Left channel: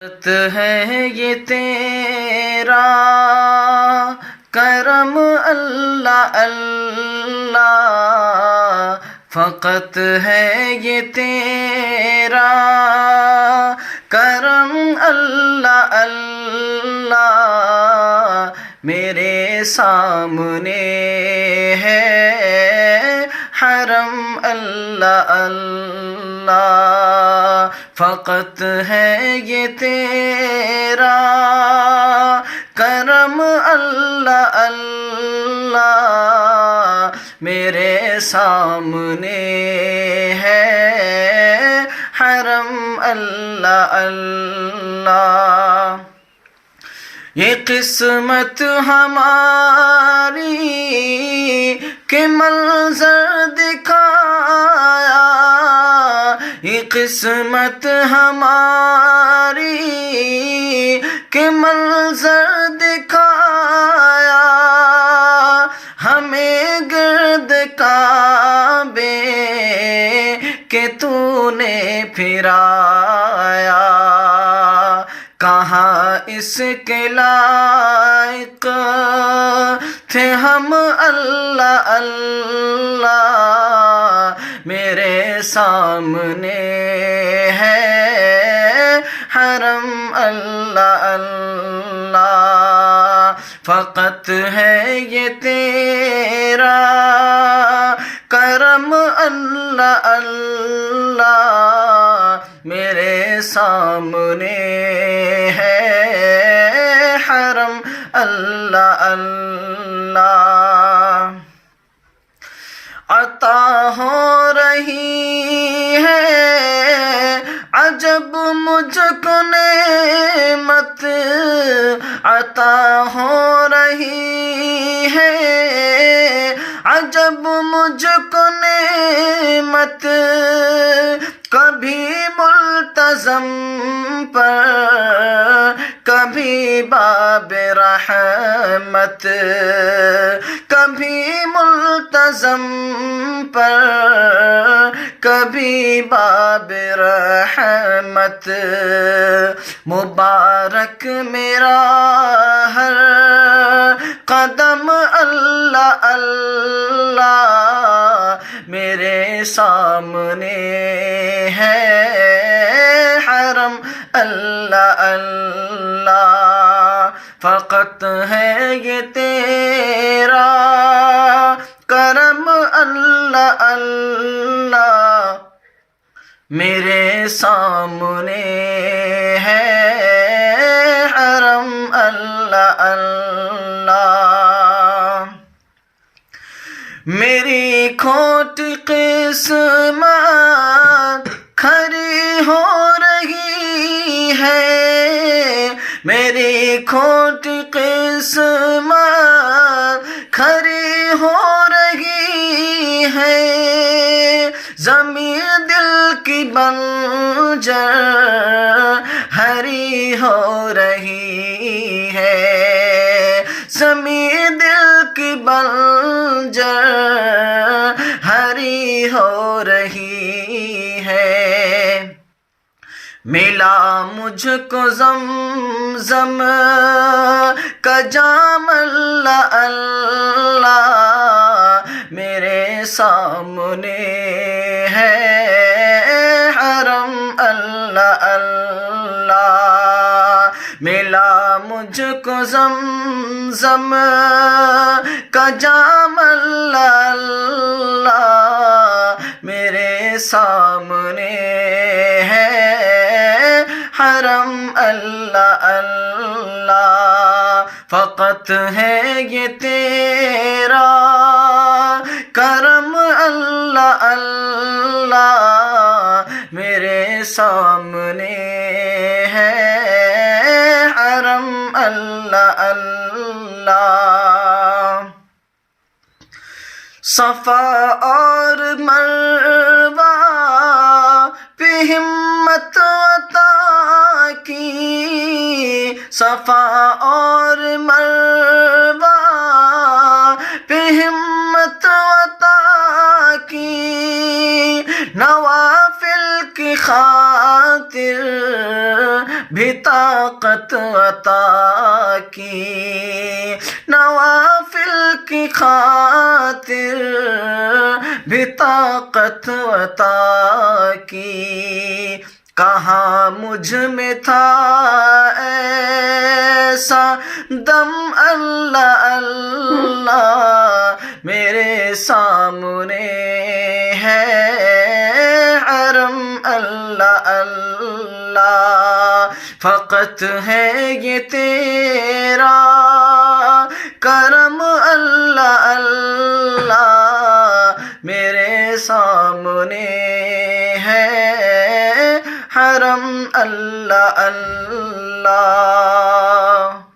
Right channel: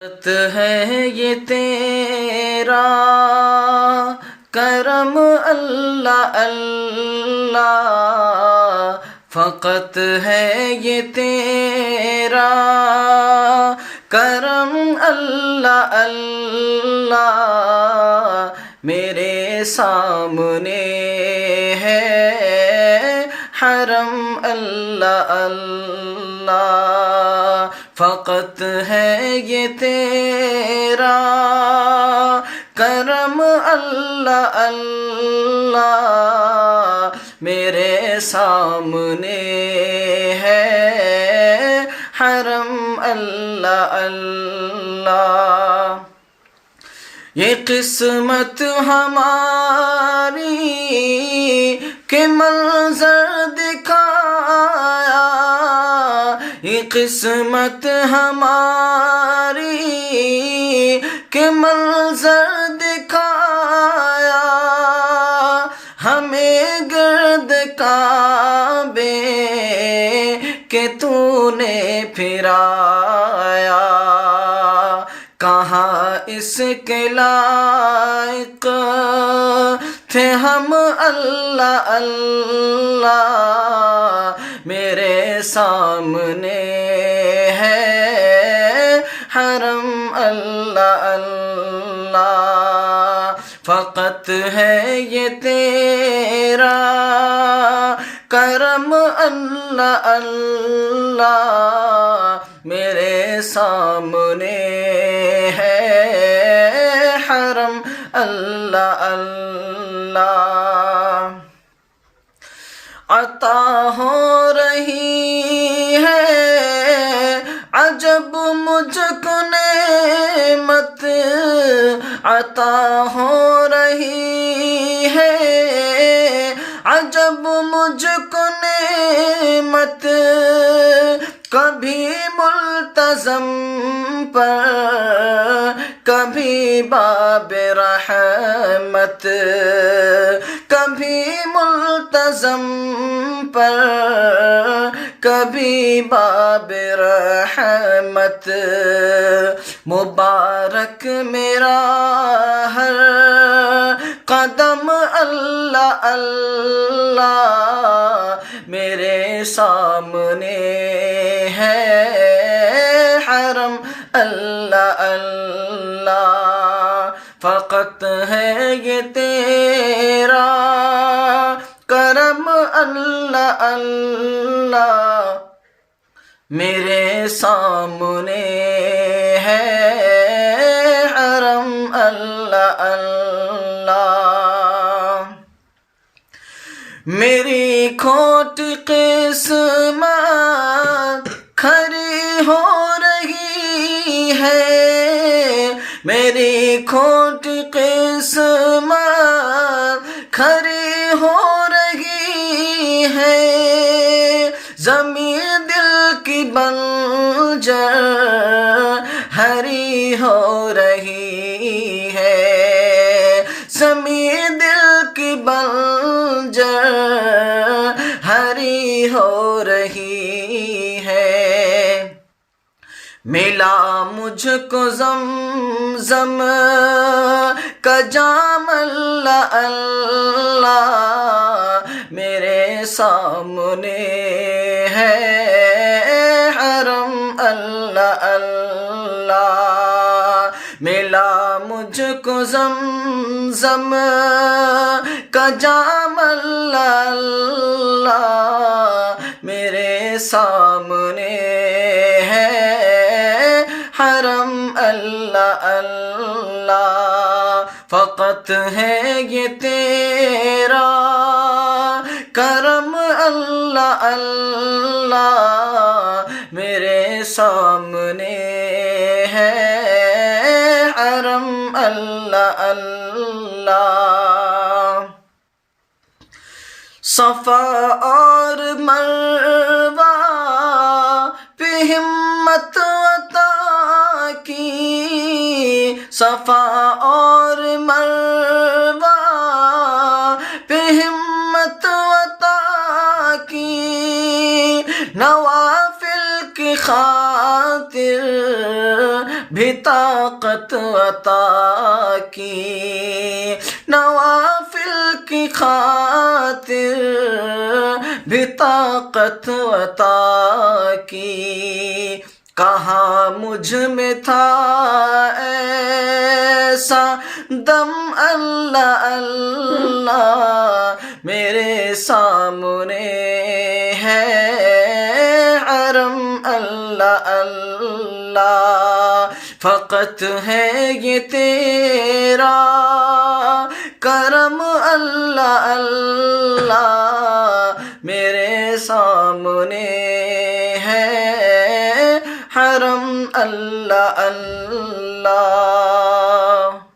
ہے یہ تیرا کرم اللہ اللہ، فقط ہے یہ تیرا کرم اللہ اللہ، میرے سامنے ہے حرم اللہ اللہ، فقط ہے یہ تیرا کرم اللہ اللہ، میرے سامنے ہے حرم اللہ اللہ۔ یہ قسمت ہماری کہ منظر دکھایا، یہ قسمت ہماری کہ منظر دکھایا، ہمیں گرد کعبے کہ تو نے پھرایا، کہاں اس کے لائق تھے ہم اللہ اللہ، میرے سامنے ہے حرم اللہ اللہ، فقط ہے یہ تیرا کرم اللہ اللہ، میرے سامنے ہے حرم اللہ اللہ۔ عطا ہو رہی ہے عجب مجھ کو نعمت، عطا ہو رہی ہے عجب مجھ کو نعمت، کبھی ملتزم پر کبھی باب رحمت، کبھی ملتزم پر کبھی باب رحمت، مبارک میرا ہر قدم اللہ اللہ، میرے سامنے ہے حرم اللہ اللہ، فقط ہے یہ تیرا کرم اللہ اللہ، میرے سامنے ہے حرم اللہ اللہ۔ میری کھوٹی قسمت کھری ہو رہی ہے، میری کھوٹی قسمت کھری ہو رہی ہے، زمین دل کی بنجر ہری ہو رہی ہے، زمین دل کی بنجر ہری ہو رہی ہے، ملا مجھ کو زمزم کا جام اللہ اللہ، میرے سامنے ہے حرم اللہ اللہ، ملا مجھ کو زمزم کا جام اللہ اللہ، میرے سامنے ہے حرم اللہ اللہ، فقط ہے یہ تیرا کرم اللہ اللہ، میرے سامنے ہے حرم اللہ اللہ۔ صفا اور مروہ پہ ہمت عطا کی، صفا اور مروہ پہ ہمت عطا کی، نوافل کی خاطر بھی طاقت عطا کی، نوافل کی خاطر بھی طاقت عطا کی، کہاں مجھ میں تھا ایسا دم اللہ اللہ، میرے سامنے ہے حرم اللہ اللہ، فقط ہے یہ تیرا کرم اللہ اللہ، میرے سامنے ہے حرم اللہ اللہ۔